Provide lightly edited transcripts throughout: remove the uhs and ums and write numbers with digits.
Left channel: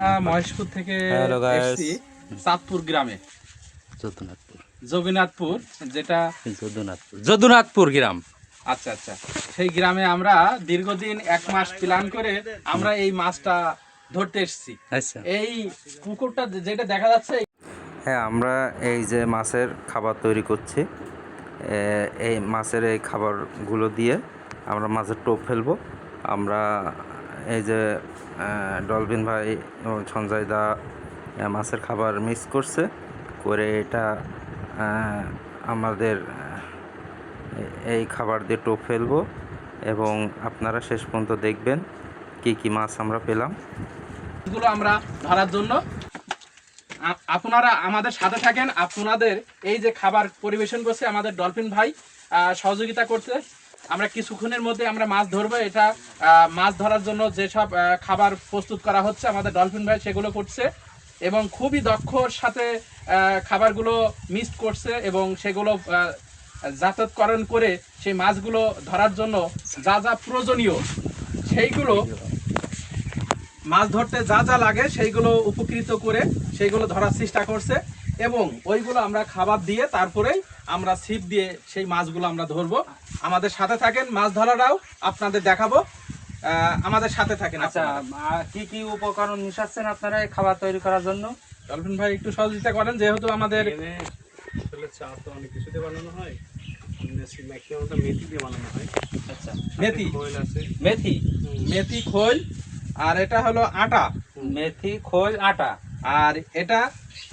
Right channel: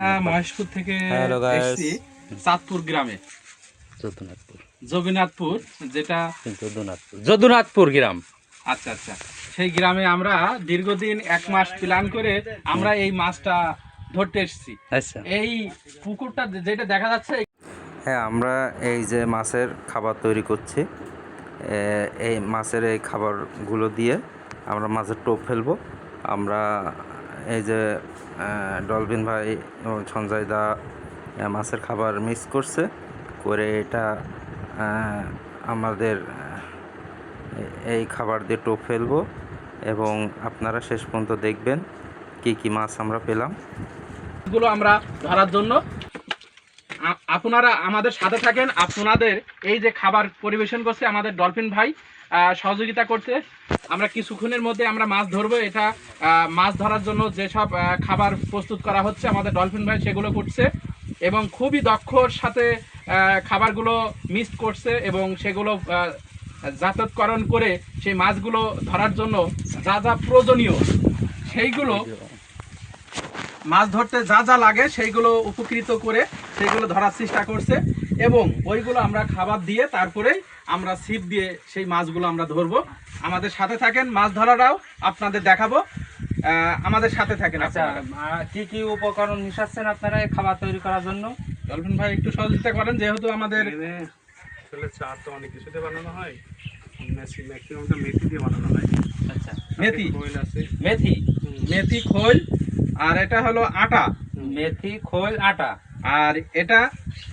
মহেশপুর থেকে hello guys, এসেছি চাঁদপুর গ্রামে, যদুনাথপুর জগন্নাথপুর, যেটা যদুনাথপুর গ্রাম। আচ্ছা আচ্ছা, সেই গ্রামে আমরা দীর্ঘদিন 1 মাস প্ল্যান করে আমরা এই মাছটা ধরতে এসেছি। আচ্ছা, এই পুকুরটা যেটা দেখা যাচ্ছে, হ্যাঁ, আমরা এই যে মাছের খাবার তৈরি করছি, এই মাছের এই খাবারগুলো দিয়ে আমরা মাছের টোপ ফেলবো। আমরা এই যে ডলফিন ভাই এবং সঞ্জয় দা মাছের খাবার মিক্স করছে, করে এটা আমাদের এই খাবার দিয়ে টোপ ফেলবো এবং আপনারা শেষ পর্যন্ত দেখবেন কি কি মাছ আমরা পেলাম। এগুলো আমরা ধরার জন্য আপনারা আমাদের সাথে থাকেন। আপনাদের এই যে খাবার পরিবেশন করছে আমাদের ডলফিন ভাই সহযোগিতা করছে। আমরা কিছুক্ষণের মধ্যে আমরা মাছ ধরবো। এটা মাছ ধরার জন্য যেসব খাবার প্রস্তুত করা হচ্ছে আমাদের ডলফিন ভাই সেগুলো করছে এবং খুবই দক্ষর সাথে খাবারগুলো মিক্স করছে এবং সেগুলো জাতকরণ করে সেই মাছগুলো ধরার জন্য যা যা প্রয়োজনীয় সেইগুলো, মাছ ধরতে যা যা লাগে সেইগুলো উপকৃত করে সেইগুলো ধরার চেষ্টা করছে এবং ওইগুলো আমরা খাবার দিয়ে তারপরে আমরা ছিপ দিয়ে সেই মাছগুলো আমরা ধরবো। আমাদের সাথে থাকেন, মাছ ধরাটাও আপনাদের দেখাবো, আমাদের সাথে থাকেন। আচ্ছা, কি কি উপকরণ মিশাচ্ছেন আপনারা এই খাবার তৈরি করার জন্য? ডলফিন ভাই একটু সহযোগিতা করেন, যেহেতু আমাদের চা তো অনেক কিছুতে বানানো হয়, ম্যাক্সিমামটা মেথি দিয়ে বানানো হয়। আচ্ছা, মেথি, খোল আছে, মেথি, মেথি খোল, আর এটা হলো আটা, মেথি খোল আটা, আর এটা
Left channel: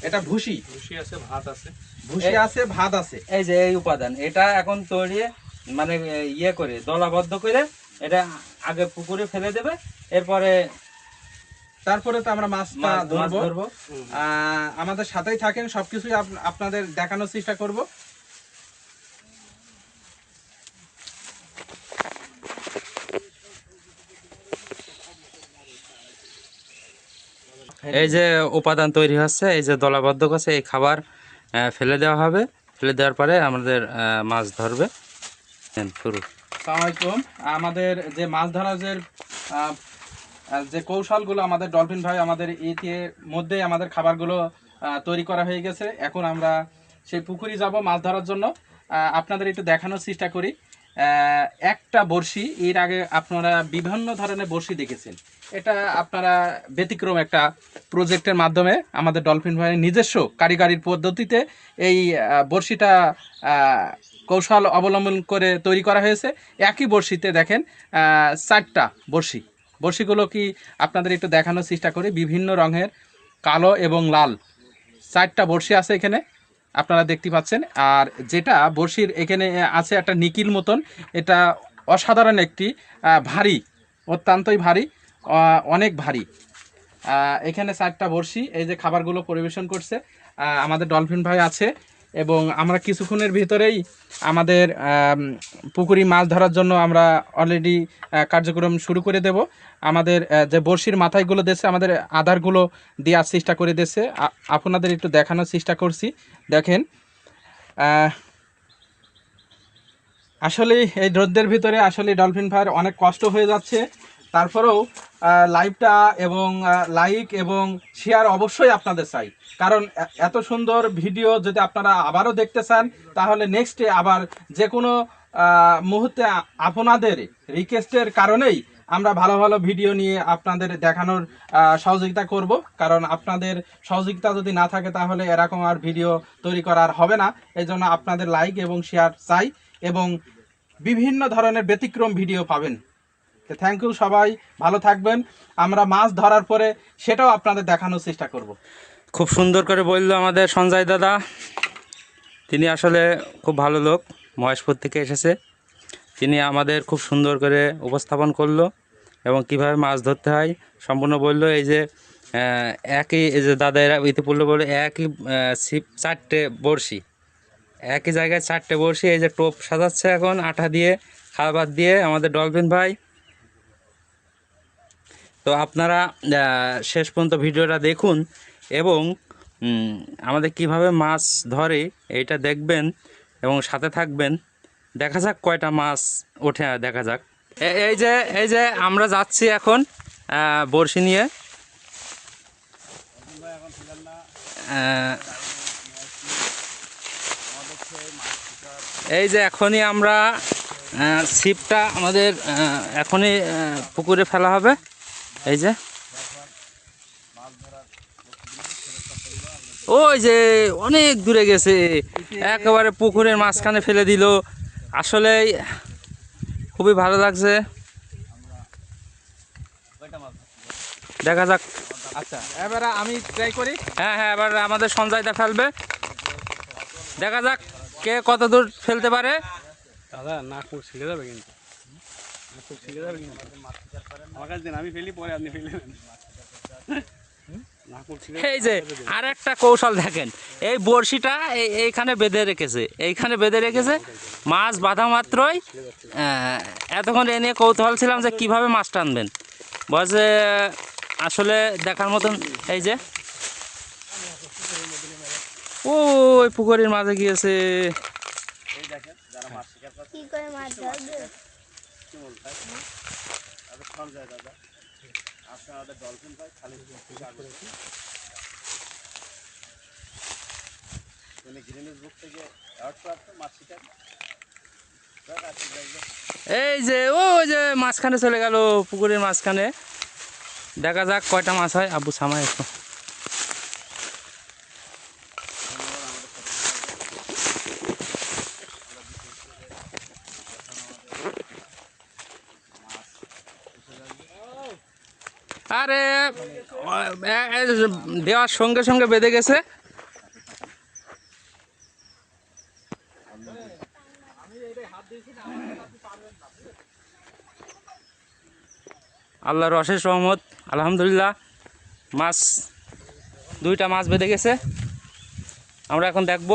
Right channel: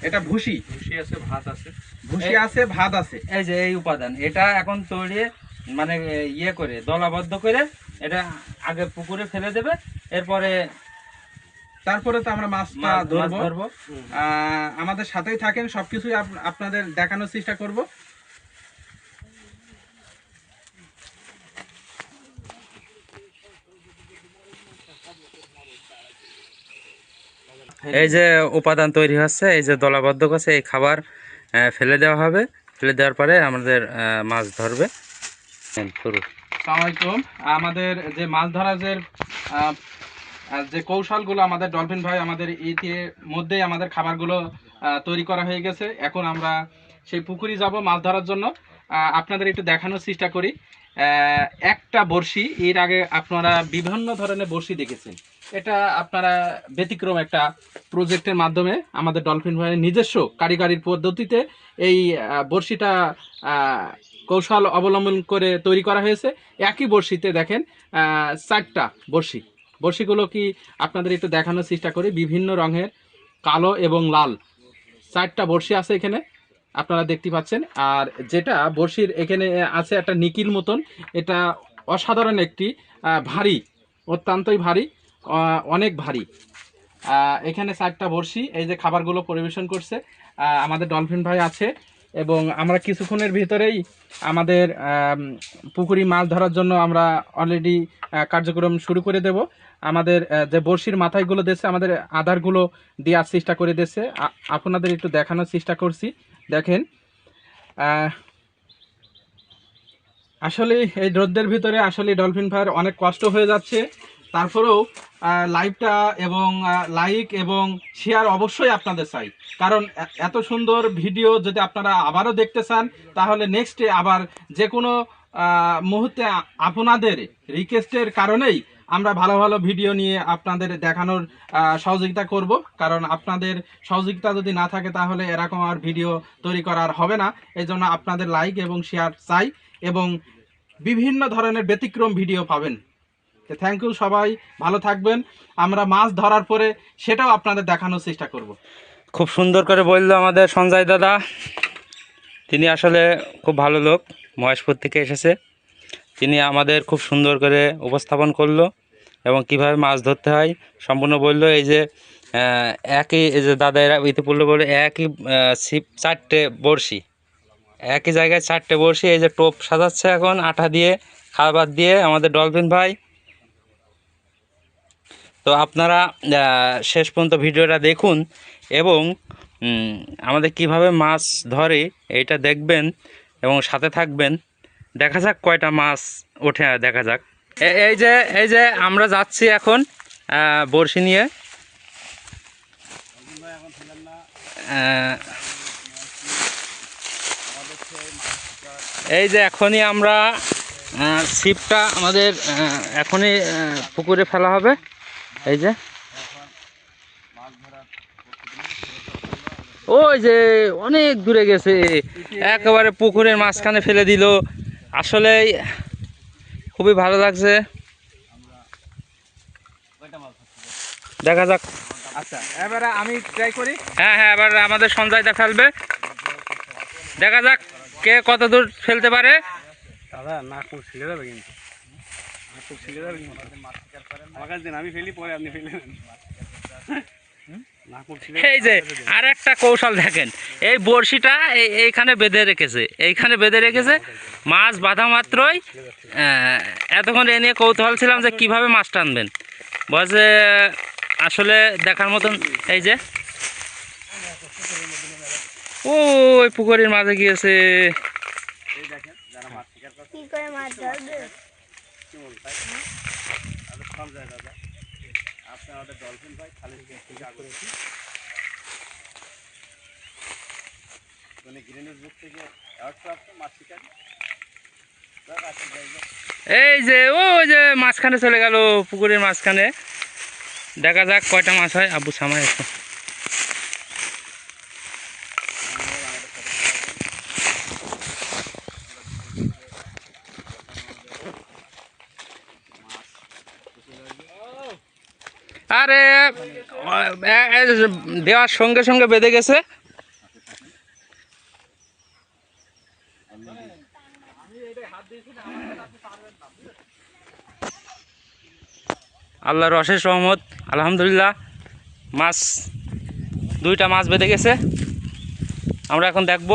এটা ভুসি, ভুসি আছে, ভাত আছে, ভুসি আছে, ভাত আছে। এই যে এই উপাদান, এটা এখন তৈরি মানে ইয়ে করে দলাবদ্ধ করে এটা আগে পুকুরে ফেলে দেবে, এরপরে তারপরে তো আমরা মাছটা ধরবো। ধরবো। আমাদের সাথেই থাকেন, সবকিছুই আপনাদের দেখানোর চেষ্টা করব। এই যে উপাদান তৈরি হচ্ছে, এই যে দলাবদ্ধ করছে, এই খাবার ফেলে দেওয়া হবে। ফেলে দেওয়ার পরে আমাদের মাছ ধরবে শুরু। আসসালামু আলাইকুম। আমাদের যে মাছ ধরার যে কৌশলগুলো আমাদের ডলফিন ভাই আমাদের ইতির মধ্যেই আমাদের খাবারগুলো তৈরি করা হয়ে গেছে। এখন আমরা সেই পুকুরে যাব মাছ ধরার জন্য। আপনাদের একটু দেখানোর চেষ্টা করি। একটা বড়শি, এর আগে আপনারা বিভিন্ন ধরনের বড়শি দেখেছেন, এটা আপনারা ব্যতিক্রম একটা প্রজেক্টের মাধ্যমে আমাদের ডলফিন ভাইয়ের নিজস্ব কারিগরির পদ্ধতিতে এই বড়শিটা কৌশল অবলম্বন করে তৈরি করা হয়েছে। একই বড়শিতে দেখেন 4টা বড়শি, বড়শিগুলো কি আপনাদের একটু দেখানোর চেষ্টা করি, বিভিন্ন রঙের, কালো এবং লাল 4টা বড়শি আছে এখানে আপনারা দেখতে পাচ্ছেন। আর যেটা বড়শির এখানে আছে একটা নিকিল মতন, এটা অসাধারণ একটি ভারী, অত্যন্তই ভারী, অনেক ভারী। এখানে 4টা বড়শি, এই যে খাবারগুলো পরিবেশন করছে আমাদের ডলফিন ভাই আছে এবং আমরা কিছুক্ষণের ভিতরেই আমাদের পুকুরি মাছ ধরার জন্য আমরা অলরেডি কার্যক্রম শুরু করে দেব। আমাদের যে বড়শির মাথায়গুলো দিয়েছে আমাদের আধারগুলো দেওয়ার চেষ্টা করে দিয়েছে, আপনাদের একটু দেখানোর চেষ্টা করছি। দেখেন, আসলে এই রোদের ভিতরে আসলে ডলফিন ভাইয়ের অনেক কষ্ট হয়ে যাচ্ছে, তারপরেও লাইভটা এবং লাইক এবং শেয়ার অবশ্যই আপনাদের চাই, কারণ এত সুন্দর ভিডিও যদি আপনারা আবারও দেখতে চান তাহলে নেক্সটে আবার যে কোনো মুহূর্তে আপনাদের রিকোয়েস্টের কারণেই আমরা ভালো ভালো ভিডিও নিয়ে আপনাদের দেখানোর সহযোগিতা করব, কারণ আপনাদের সহযোগিতা যদি না থাকে তাহলে এরকম আর ভিডিও তৈরি করার হবে না। এই জন্য আপনাদের লাইক এবং শেয়ার চাই এবং বিভিন্ন ধরনের ব্যতিক্রম ভিডিও পাবেন। তো থ্যাংক ইউ, সবাই ভালো থাকবেন। আমরা মাছ ধরার পরে সেটাও আপনাদের দেখানোর চেষ্টা করব। খুব সুন্দর করে বললো আমাদের সঞ্জয় দাদা, তিনি আসলে খুব ভালো লোক, মহেশপুর থেকে এসেছে। তিনি আমাদের খুব সুন্দর করে উপস্থাপন করলো এবং কিভাবে মাছ ধরতে হয় সম্পূর্ণ বললো। এই যে একই, এই যে দাদা এরা ইতিপূর্বে বলে একই ছিপ 4টে বড়শি, একই জায়গায় 4টে বড়শি, এই যে টোপ সাজাচ্ছে এখন আটা দিয়ে, খাবার দিয়ে আমাদের ডলফিন ভাই। তো আপনারা শেষ পর্যন্ত ভিডিওটা দেখুন এবং আমাদের কিভাবে মাছ ধরে এইটা দেখবেন এবং সাথে থাকবেন। দেখা যাক কয়টা মাছ ওঠে, দেখা যাক। এই যে আমরা যাচ্ছি এখন বড়শি নিয়ে। এই যে এখনই আমরা ছিপটা আমাদের এখনই পুকুরে ফেলা হবে। এই যে ওই যে অনেক দূরে গেছে, একেবারে পুকুরের মাঝখানে ফেলে দিল। আসলে খুবই ভালো লাগছে, দেখা যাক। আচ্ছা, এবারে আমি ট্রাই করি। হ্যাঁ হ্যাঁ, এবার আমাদের সঞ্জয়দা ফেলবে, দেখা যাক কে কত দূর ফেলতে পারে। দাদা নাক মুখ ছিঁড়ে যাবে কিন্তু, নাক মুখ ছিঁড়ে যাবে কিন্তু। আমার কাছে দিন, আমি ফেলি পরে আপনি ফেলে নেন। নাক মুখ ছিঁড়ে এই যে আর একটা কৌশল দেখেন, এই বড়শিটা এইখানে বেঁধে রেখেছে, এইখানে বেঁধে রেখেছে। মাছ বাঁধা মাত্রই এতক্ষণ এ নিয়ে কৌতূহল ছিলাম যে কিভাবে মাছ টানবেন, বলছে আসলে দেখার মতন। এই যে ওই পুকুরের মাঝে গিয়েছে। কি করে মাছ ধরবে? এই যে ওই যে মাঝখানে চলে গেল, পুকুরের মাঝখানে। দেখা যাক কয়টা মাছ হয়। আব্বু সামায় একটু। আরে দেওয়ার সঙ্গে সঙ্গে বেঁধে গেছে। আল্লাহর অশেষ রহমত, আলহামদুলিল্লাহ মাছ, দুইটা মাছ বেঁধে গেছে। আমরা এখন দেখব